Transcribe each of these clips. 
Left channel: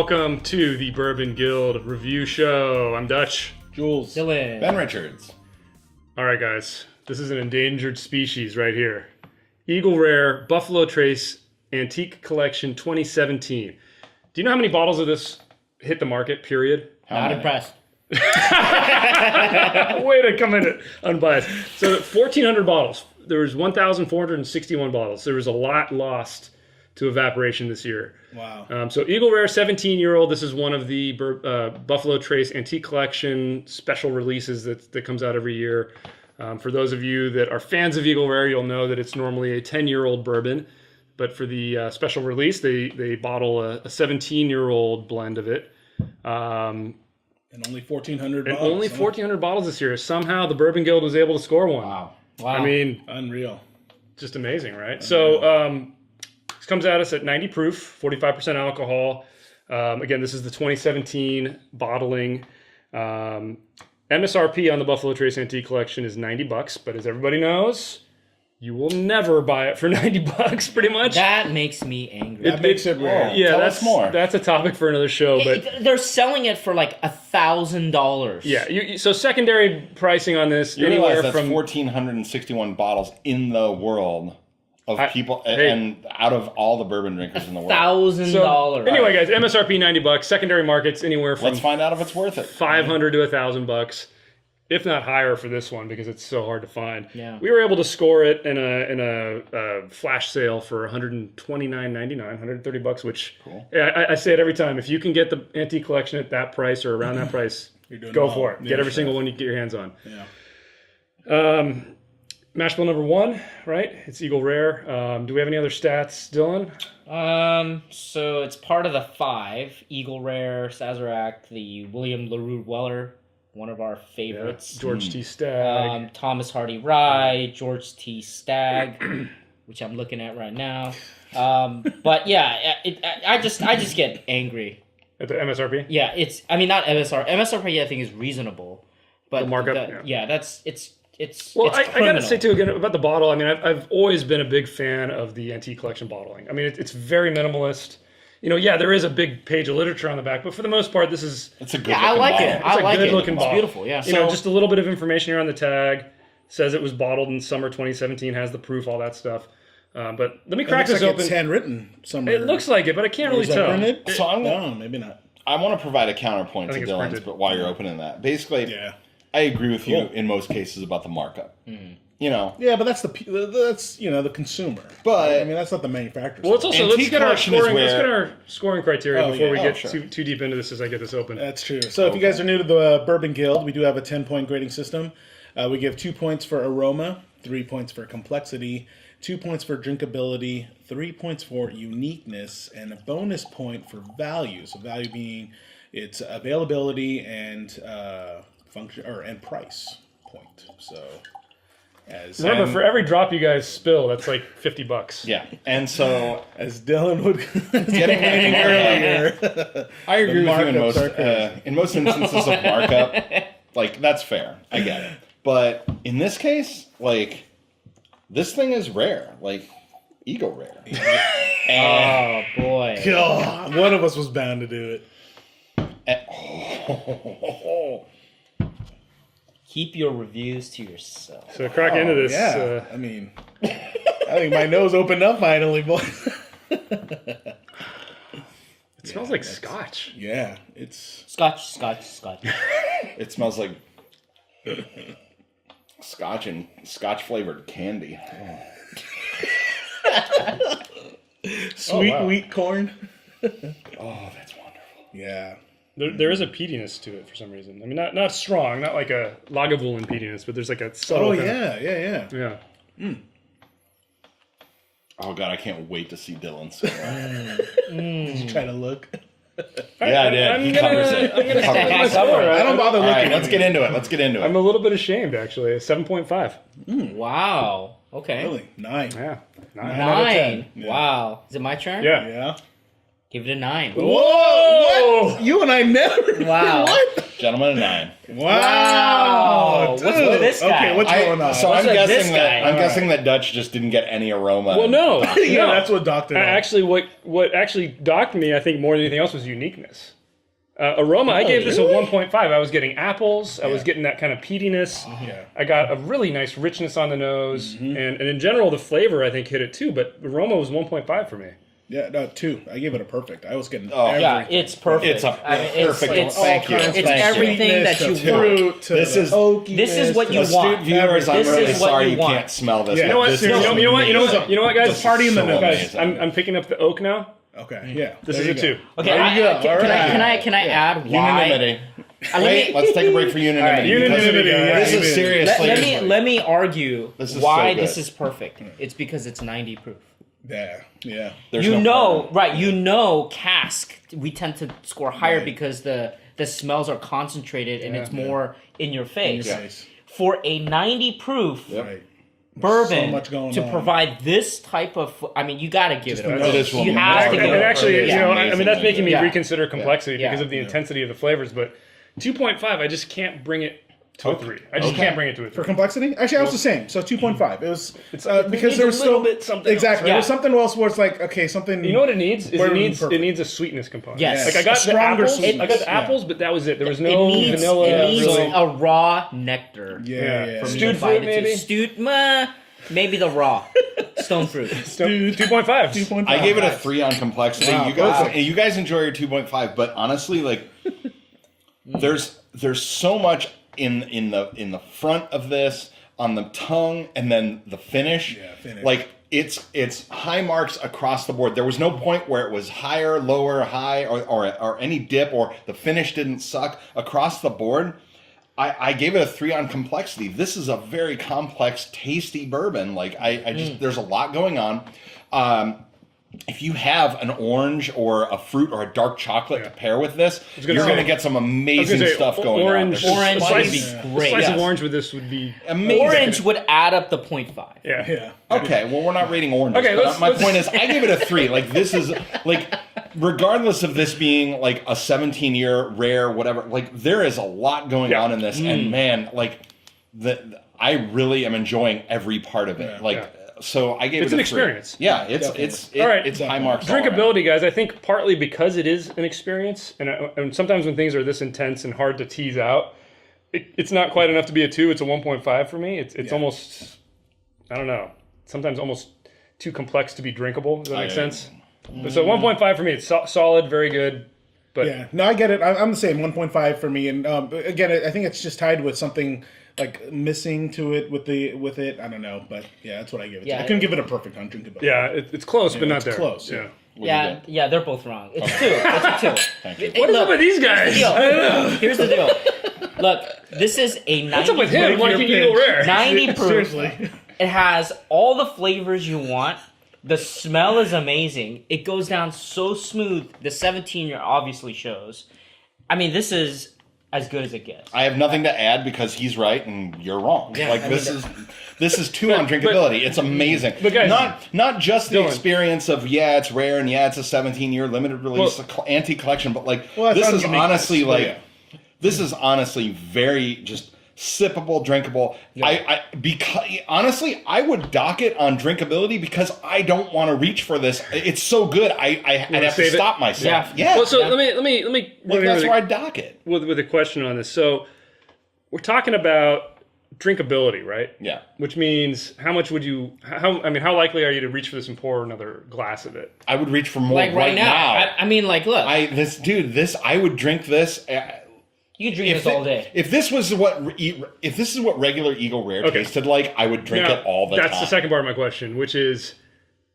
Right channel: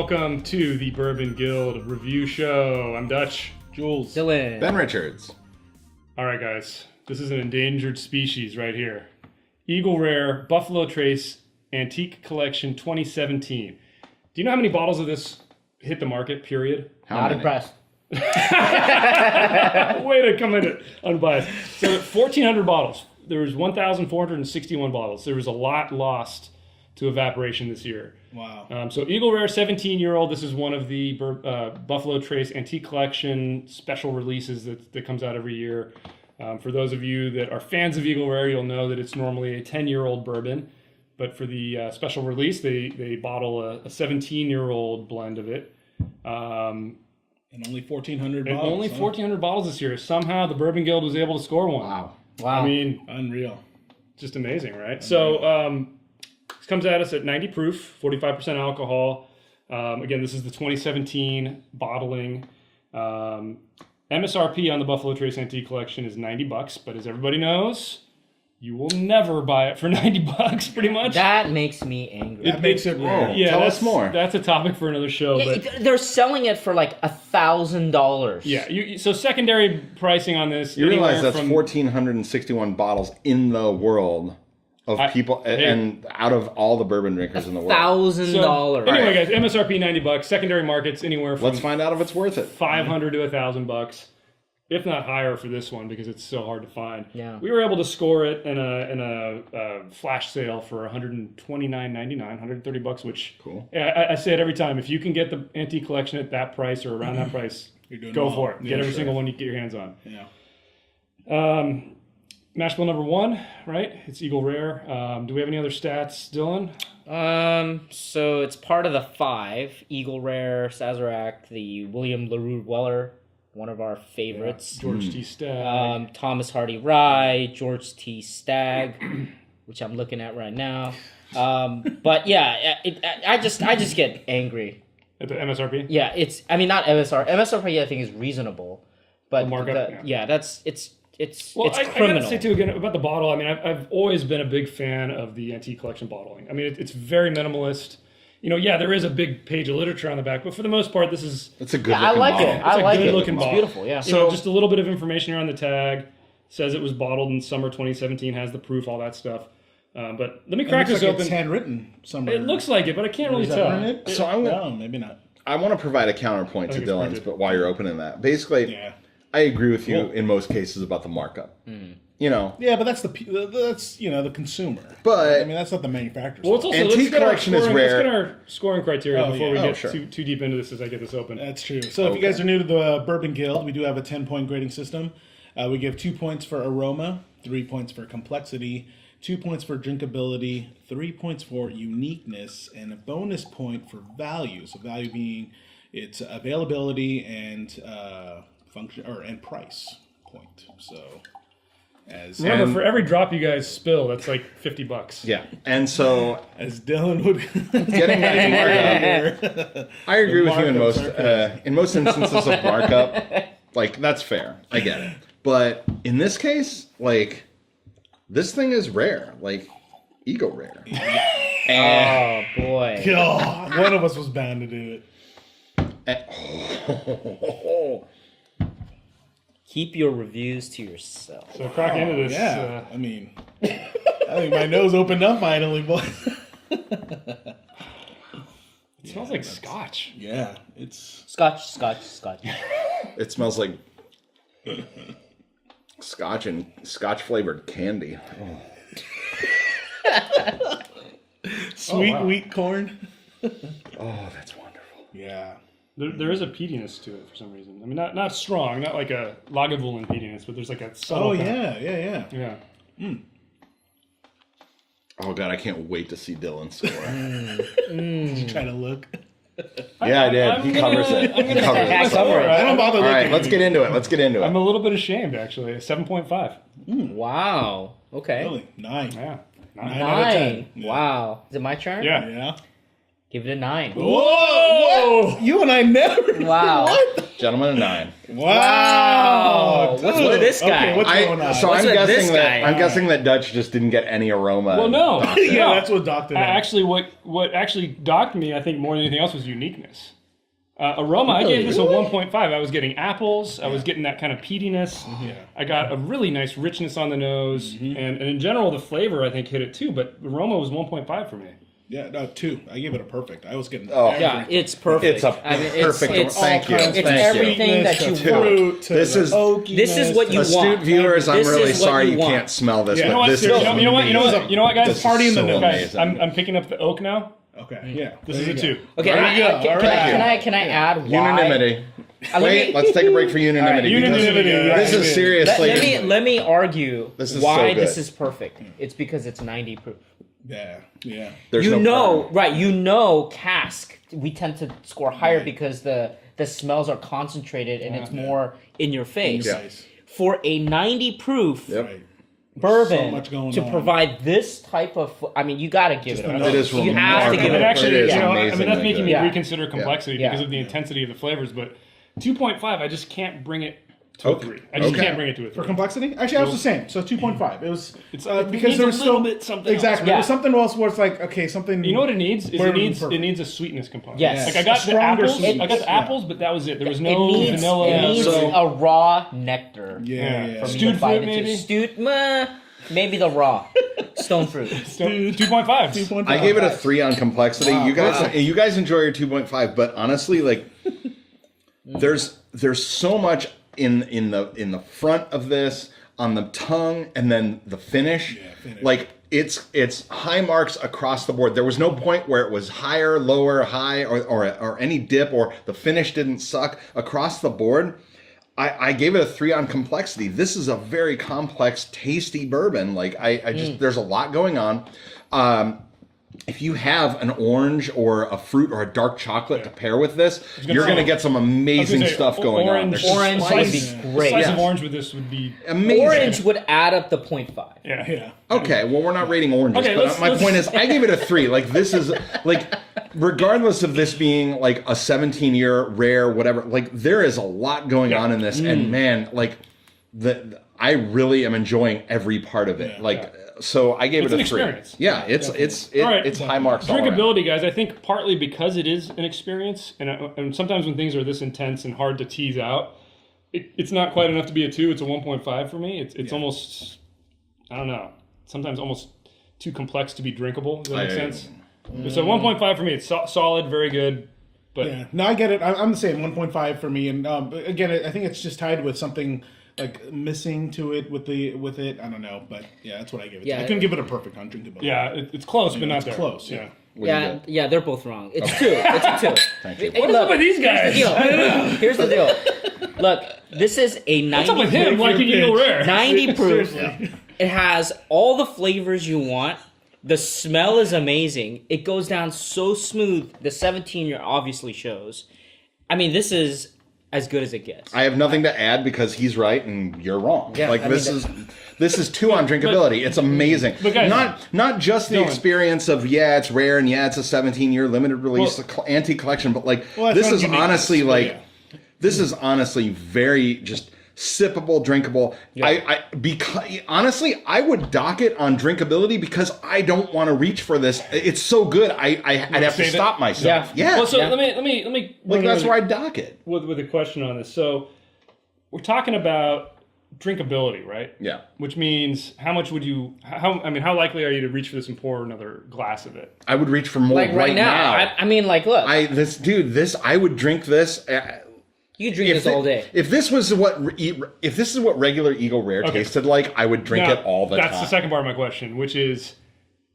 Welcome to the Bourbon Guild review show. I'm Dutch. Jules. Dylan. Ben Richards. All right, guys. This is an endangered species right here. Eagle Rare Buffalo Trace Antique Collection 2017. Do you know how many bottles of this hit the market, period? Not impressed. Way to come in unbiased. So 1,400 bottles. There was 1,461 bottles. There was a lot lost to evaporation this year. Wow. So Eagle Rare 17-year-old. This is one of the Buffalo Trace Antique Collection special releases that comes out every year. For those of you that are fans of Eagle Rare, you'll know that it's normally a 10-year-old bourbon. But for the special release, they bottle a 17-year-old blend of it. And only 1,400 And bottles. only 1,400 bottles this year. Somehow the Bourbon Guild was able to score one. Wow. Wow. I mean, Unreal. just amazing, right? So this comes at us at 90 proof, 45% alcohol. Again, this is the 2017 bottling. MSRP on the Buffalo Trace Antique Collection is $90, but as everybody knows, you will never buy it for $90, pretty much. That makes me angry. That makes it rare. Yeah, Tell that's us more. That's a topic for another show. But They're selling it for like $1,000. yeah, so secondary pricing on this. You realize that's 1,461 bottles in the world of people, and out of all the bourbon drinkers in the world. $1,000. Anyway, guys, MSRP $90. Secondary markets anywhere from Let's find out if it's worth it. $500 to $1,000, if not higher for this one because it's so hard to find. Yeah. We were able to score it in a flash sale for $129.99, $130, which Cool. I say it every time. If you can get the antique collection at that price or around that price, You're doing go well. for it. Yeah, Get every sure. single one you can get your hands on. Yeah. Mash bill number 1, right? It's Eagle Rare. Do we have any other stats, Dylan? So it's part of the 5. Eagle Rare, Sazerac, the William LaRue Weller, one of our favorites. George T. Stagg. Thomas Hardy Rye, George T. Stagg, which I'm looking at right now. But yeah, I just get angry. At the MSRP? Yeah, not MSRP. MSRP I think is reasonable, but The markup, Well, I criminal. gotta say too again about the bottle. I mean, I've always been a big fan of the antique collection bottling. I mean, it's very minimalist. You know, yeah, there is a big page of literature on the back, but for the most part, this is It's a good. Yeah, I like bottle. it. I a like it. good-looking It's bottle. beautiful. Yeah. you know just a little bit of information here on the tag. Says it was bottled in summer 2017. Has the proof, all that stuff. But let me It crack looks this like open. it's handwritten somewhere. It looks like it, but I can't really Is that tell. printed? So I'm No, gonna, maybe not. I want to provide a counterpoint to think it's Dylan's, printed. but while you're opening that, basically, Yeah. I agree with you in most cases about the markup. You know, Yeah, but that's the consumer. But- I mean, that's not the manufacturer's. Well, it's also Antique let's get our collection is scoring. Let's rare. get our scoring criteria Oh, before we yeah. get sure. too deep into this as I get this open. That's true. So if you guys are new to the Bourbon Guild, we do have a 10-point grading system. We give 2 points for aroma, 3 points for complexity, 2 points for drinkability, 3 points for uniqueness, and a bonus point for value. So value being its availability and function and price point. So Remember, for every drop you guys spill, that's like $50. yeah, and so as Dylan would getting back to markup, I agree with you in most instances of markup. Like that's fair, I get it. But in this case, like this thing is rare, like Eagle Rare. Oh boy. God, one of us was bound to do it. Keep your reviews to yourself. So crack into this. Yeah, I mean, I think my nose opened up finally, boys. It smells like scotch. Yeah, it's Scotch. It smells like scotch and scotch flavored candy. sweet wheat corn. Oh, that's wonderful. Yeah. There is a peatiness to it for some reason. I mean, not strong, not like a Lagavulin peatiness, but there's like a subtle. Oh kind yeah. of, yeah. Oh god, I can't wait to see Dylan score. Trying to look. Yeah, I did. He covers it. I'm gonna Covers say it. my score. I don't bother All right, looking. let's get into it. I'm a little bit ashamed actually. 7.5. Wow. Okay. Really? 9. Yeah. 9. 9. Wow. Is it my turn? Yeah. Yeah. Give it a 9. Whoa! What? You and I never. Wow. What? Gentlemen, a 9. Wow. What's with this guy? Okay, what's going on? So What's I'm with guessing this guy? I'm guessing that Dutch just didn't get any aroma. Well, no. Yeah, No. that's what Doctor. Actually, what actually docked me, I think, more than anything else, was uniqueness. Aroma, I gave this a 1.5. I was getting apples. I was getting that kind of peatiness. I got a really nice richness on the nose. And in general, the flavor, I think, hit it too. But aroma was 1.5 for me. Yeah, no, 2. I gave it a perfect. I was getting. Yeah, it's perfect. It's a perfect. Thank you. It's Thank everything that you want. This is what you astute want. viewers. I'm This really is what sorry you you want. can't smell this. Yeah. You know what? This You is know what? You know what, guys? The party in the so nose. Guys, I'm picking up the oak now. Okay, yeah. This There is you a go. 2. Okay, There you go. can I add why? unanimity. Let Wait, me- let's take a break for unanimity. Unanimity, guys. This is seriously. Let me argue This is why so good. this is perfect. It's because it's 90 proof. Yeah. There's You no know, problem. right? You know, cask. We tend to score higher because the smells are concentrated and it's more in your face. Yeah. For a 90 proof Yep. Right. bourbon So much going to on. provide this type of, I mean, you got to give it a the nose. It is You have to remarkable. give And it actually, a you know, I amazing mean, that's making me Yeah. reconsider complexity Yeah. because of the intensity of the flavors. But 2.5, I just can't bring it to a 3. I just Okay. can't bring it to a 3. For complexity, actually, I was the same. So 2.5. It was It because needs there a was little still bit something exactly. else. There was Yeah. something else where it's like okay, something. You know what it needs? Is Where it needs perfect. a sweetness component. Yes. Like I got the Stronger apples. sweetness. I got the Yeah. apples, but that was it. There was It no needs, vanilla. it needs so- a raw nectar. Yeah. For me Stewed to bite fruit, into. maybe? Stewed, maybe the raw. Stone fruit. 2.5. 2.5. I gave it a 3 on complexity. Wow. You guys enjoy your 2.5, but honestly, like, there's so much in the front of this, on the tongue, and then the finish. finish. Like it's high marks across the board. There was no point where it was higher, lower, high, or any dip, or the finish didn't suck across the board. I gave it a 3 on complexity. This is a very complex, tasty bourbon. Like I just there's a lot going on. If you have an orange or a fruit or a dark chocolate to pair with this, you're going to get some amazing stuff going on. There's Orange would spice. be great. Slice Yes. of orange with this would be Amazing. Orange would add up to 0.5. yeah. Yeah. Okay, well, we're not rating oranges. Okay, but my let's- point is, I gave it a 3. Like, this is, like, regardless of this being, like, a 17-year rare, whatever, like, there is a lot going on in this. And, man, like, I really am enjoying every part of it. Like, so I gave It's it a an 3. experience. Yeah, it's All right. it's high marks all around. Drinkability, guys, I think partly because it is an experience, and sometimes when things are this intense and hard to tease out, it's not quite enough to be a 2. It's a 1.5 for me. It's almost, I don't know, sometimes almost too complex to be drinkable. Does that make sense? So 1.5 for me. It's solid, very good. But Yeah. No, I get it. I'm the same. 1.5 for me. And again, I think it's just tied with something like missing to it with it. I don't know, but yeah, that's what I give it. Yeah. I couldn't give it a perfect on drinkability. yeah, it's close, but not there. close, yeah. Yeah, they're both wrong. It's 2. It's a 2. Thank you. Hey, What's up look, with these guys? Here's the deal. Look, this is a 90 What's up with him? Like an Eagle Rare. 90 proof. Seriously. It has all the flavors you want. The smell is amazing. It goes down so smooth. The 17-year obviously shows. I mean, this is as good as it gets. I have nothing to add because he's right and you're wrong. Yeah, like I this mean, is this is 2 on drinkability. It's amazing. But guys- not just the Dylan. experience of it's rare and it's a 17-year limited release antique collection, but like Well, I this found is Uniqueness, honestly so like yeah. this is honestly very just sippable, drinkable. Yeah. Because honestly, I would dock it on drinkability because I don't want to reach for this. It's so good. I'd have to save it? stop myself. Yeah. Well, so Yeah. let me. Like, that's where I dock it. with a question on this. So we're talking about drinkability, right? Yeah. Which means how much would you? How likely are you to reach for this and pour another glass of it? I would reach for more Like right now. I mean, like, look. I would drink this. You can drink this all day. If this is what regular Eagle Rare Okay. tasted like, I would drink it all the time. That's the second part of my question, which is,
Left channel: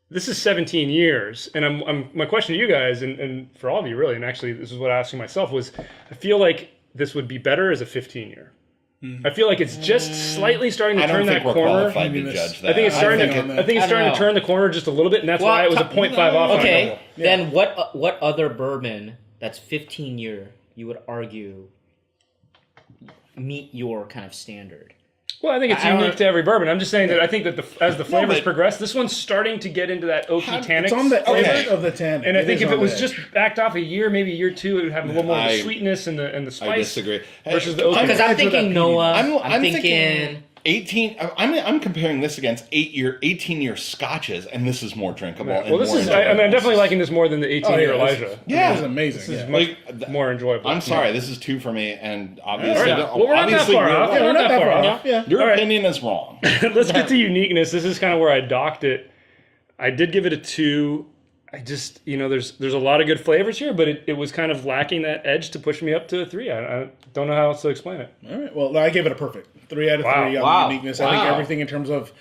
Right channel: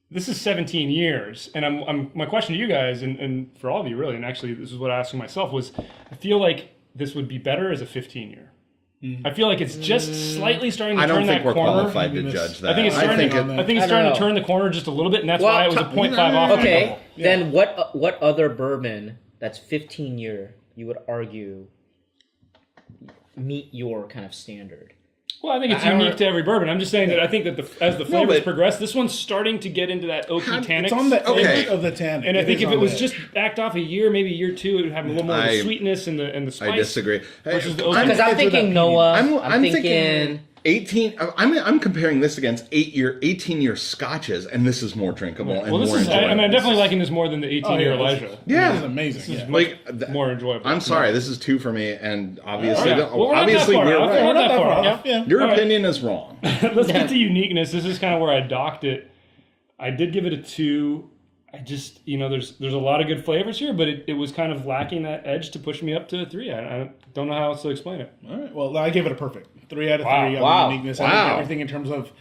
this is 17 years, and my question to you guys, and for all of you really, and actually this is what I asked myself, was I feel like this would be better as a 15-year. I feel like it's just slightly starting to I don't turn think that we're corner. qualified to judge that. I think it's starting know. to turn the corner just a little bit, and that's Well, why it was a 0.5 off. Okay, then what other bourbon that's 15-year you would argue meet your kind of standard? Well, I think it's I don't unique know. to every bourbon. I'm just saying that I think that as the flavors progress, this one's starting to get into that oaky tannic. It's on the Okay. edge of the tannic. And I think is if on it the was edge. just backed off a year, maybe year two, it would have a little more of the I- sweetness and the spice. I disagree. Versus the oaky. Because I'm thinking Noah. I'm thinking thinking 18. I'm comparing this against 18-year scotches, and this is more drinkable. And Well, this more is. I'm enjoyable. definitely liking this more than the 18-year Elijah. Yeah. This is amazing. This is yeah. like more enjoyable. I'm sorry, this is 2 for me, and obviously, All right. Well, we're not that obviously, far off. We're not that far off. Yeah. your All right. opinion is wrong. Let's get to uniqueness. This is kind of where I docked it. I did give it a 2. I just, there's a lot of good flavors here, but it was kind of lacking that edge to push me up to a 3. I don't know how else to explain it. All right. Well, I gave it a perfect 3 out of 3 Wow. on Wow. uniqueness. I Wow. think everything in terms of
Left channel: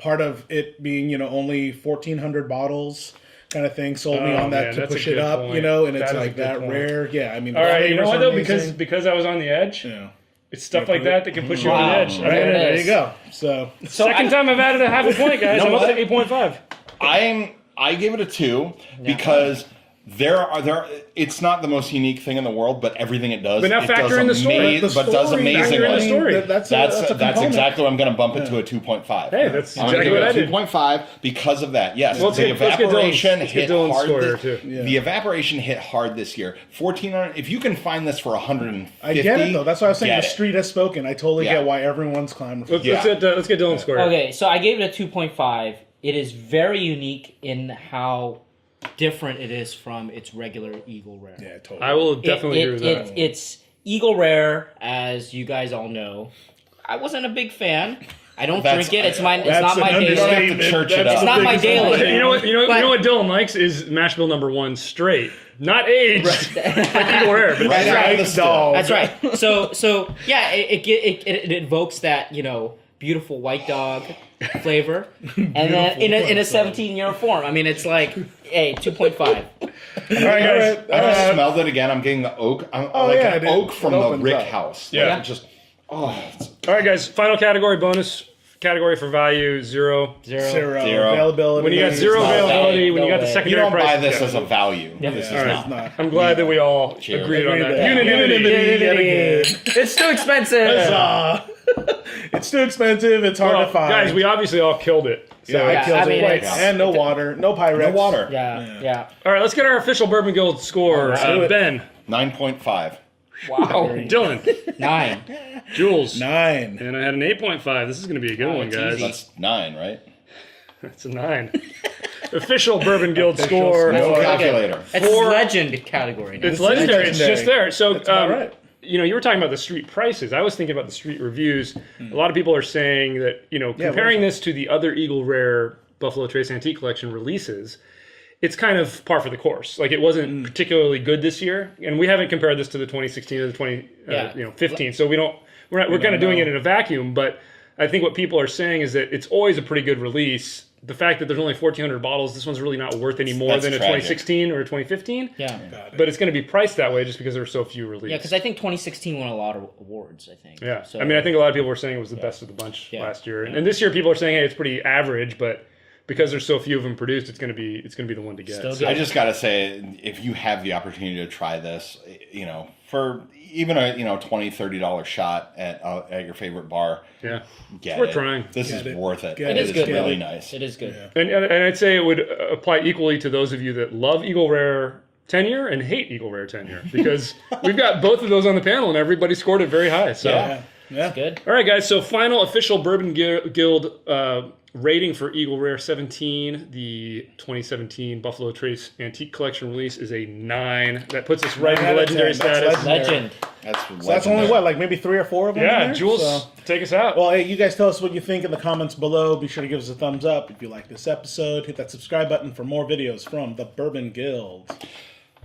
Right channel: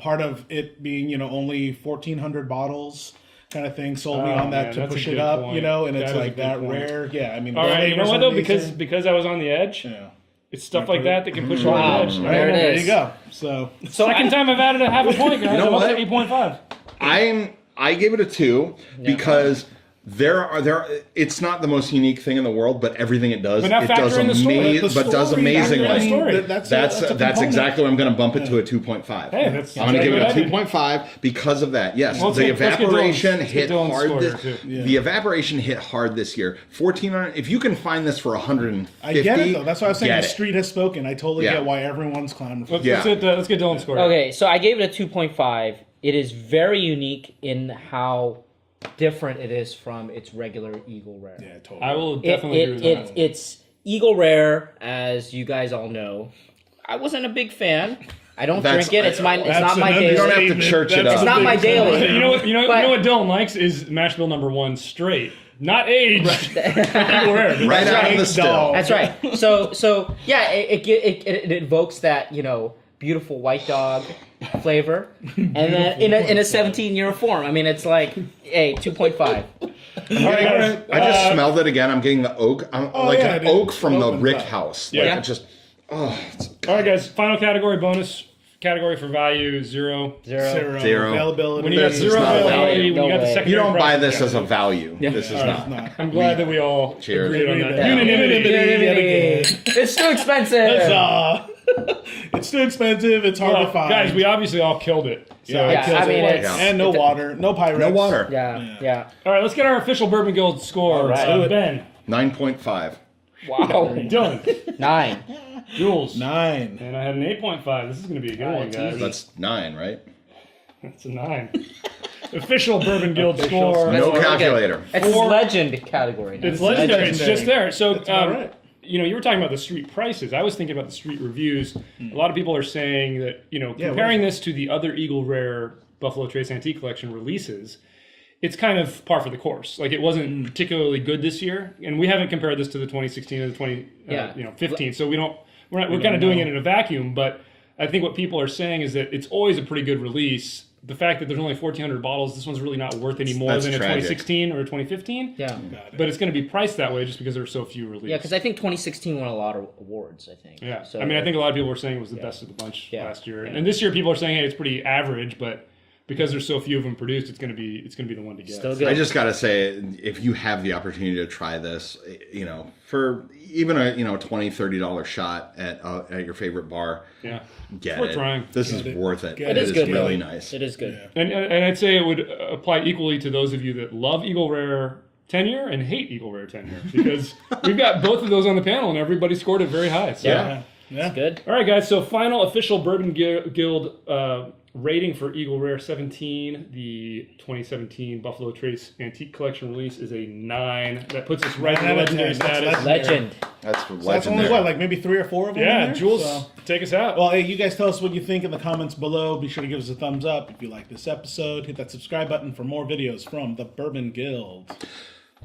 part of it being, only 1,400 bottles kind of thing solely Oh, on that man, to that's a push good it up, point. and it's That is a like good that point. rare. Yeah, I mean, the All right, you know flavors what are though? amazing. Because I was on the edge, Yeah. it's stuff like that can push you Wow. on the edge. I mean, There it There is. you go. So, second time I've added a half a point, guys. know I'm up to what? 8.5. I gave it a 2 because it's not the most unique thing in the world, but everything it does, But now it factor does in the story. The but does story, amazingly. factor in the story. That's That's a component. exactly what I'm going to bump it to a 2.5. Hey, that's I'm going to exactly give what I it a did. 2.5 because of that. Yes, Well, the let's get evaporation Dylan's hit story hard. too. The evaporation hit hard this year. 1,400. If you can find this for 150, I get it, though. That's why I was saying get the it. street has spoken. I totally Yeah. get why everyone's clamoring for Let's, this. let's get Dylan's score. Okay, so I gave it a 2.5. It is very unique in how different it is from its regular Eagle Rare. Yeah, totally. I will definitely agree with that. It's Eagle Rare, as you guys all know. I wasn't a big fan. I don't That's- drink it. It's mine. It's That's not my an daily. You don't have to understatement. church it That's up. It's not my daily. You know what? You know But- what Dylan likes is mash bill number 1 straight, not aged. Like Eagle Rare. But Right that's out of right. the still. That's right. So yeah, it evokes that beautiful white dog flavor, and then in a 17-year form. I mean, it's like 2.5. All right, guys. I just smelled it again. I'm getting the oak. I'm like yeah, an it oak from the opens Rick up. house. Yeah. Like, it just, it's All right, guys. Final category, bonus category for value, 0. Zero. Zero. Availability. When you got It's 0 not value. availability, when you got the No way. you secondary don't buy price, this yeah. as a value. This is All not. I'm glad that we all Cheers. agreed on that. Yeah. Unanimity. It's too expensive. It's too expensive. It's hard Well, to find. guys, we obviously all killed it. So, Yeah, Kills I mean, it. it's- and no water, no Pyrex. No water. Yeah. all right, let's get our official Bourbon Guild score. right. Ben, 9.5. wow, Dylan, 9. Jules, 9. and I had an 8.5 This is going to be a good one, it's guys. easy. That's 9, right? That's a 9. Official Bourbon Guild score. No Okay. calculator. It's For- legend category. Now. It's legendary. It's just there. So, all right. you were talking about the street prices. I was thinking about the street reviews. A lot of people are saying that, comparing this to the other Eagle Rare Buffalo Trace Antique Collection releases, it's kind of par for the course. Like, it wasn't particularly good this year, and we haven't compared this to the 2016 or the 2015. So we're kind of doing it in a vacuum. But I think what people are saying is that it's always a pretty good release. The fact that there's only 1,400 bottles, this one's really not worth any more That's than a tragic. 2016 or a 2015. Yeah. But it's going to be priced that way just because there are so few releases. Yeah, because I think 2016 won a lot of awards, I think. Yeah, So, I mean, I think a lot of people were saying it was the best of the bunch Yeah. last year, and this year people are saying, hey, it's pretty average, but because there's so few of them produced, it's gonna be the one to get. Still So- good. I just gotta say, if you have the opportunity to try this, for even a $20-$30 shot at your favorite bar, Yeah, get worth it. trying. This is worth it. It is good. Really nice. It is good. And I'd say it would apply equally to those of you that love Eagle Rare tenure and hate Eagle Rare tenure, because we've got both of those on the panel, and everybody scored it very high. So. Yeah. Yeah. Good. All right, guys. So final official Bourbon Guild rating for Eagle Rare 17, the 2017 Buffalo Trace Antique Collection release, is a 9. That puts us right in the 9 out of legendary 10. That's status. Legend. That's So that's legendary. only like maybe 3 or 4 of them. in Yeah, there? Jules, So- take us out. Well, hey, you guys tell us what you think in the comments below. Be sure to give us a thumbs up if you like this episode. Hit that subscribe button for more videos from the Bourbon Guild.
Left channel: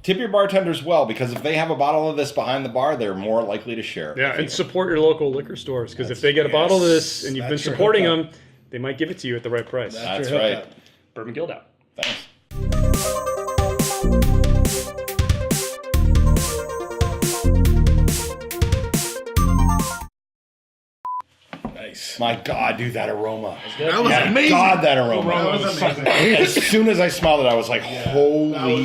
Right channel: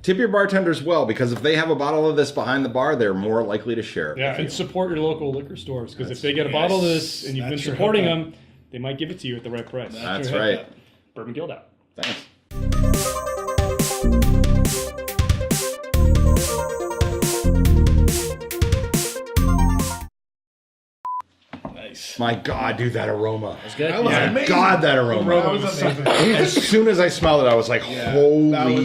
Tip your bartenders well, because if they have a bottle of this behind the bar, they're more likely to share it. Yeah, with and you. support your local liquor stores, because if they get a bottle of this and you've been That's your supporting hookup. them, they might give it to you at the right price. That's your right. hookup. Bourbon Guild out. Thanks. Nice. My God, dude, that aroma. That was My amazing. God, that aroma. That was amazing. As soon as I smelled it, I was like, holy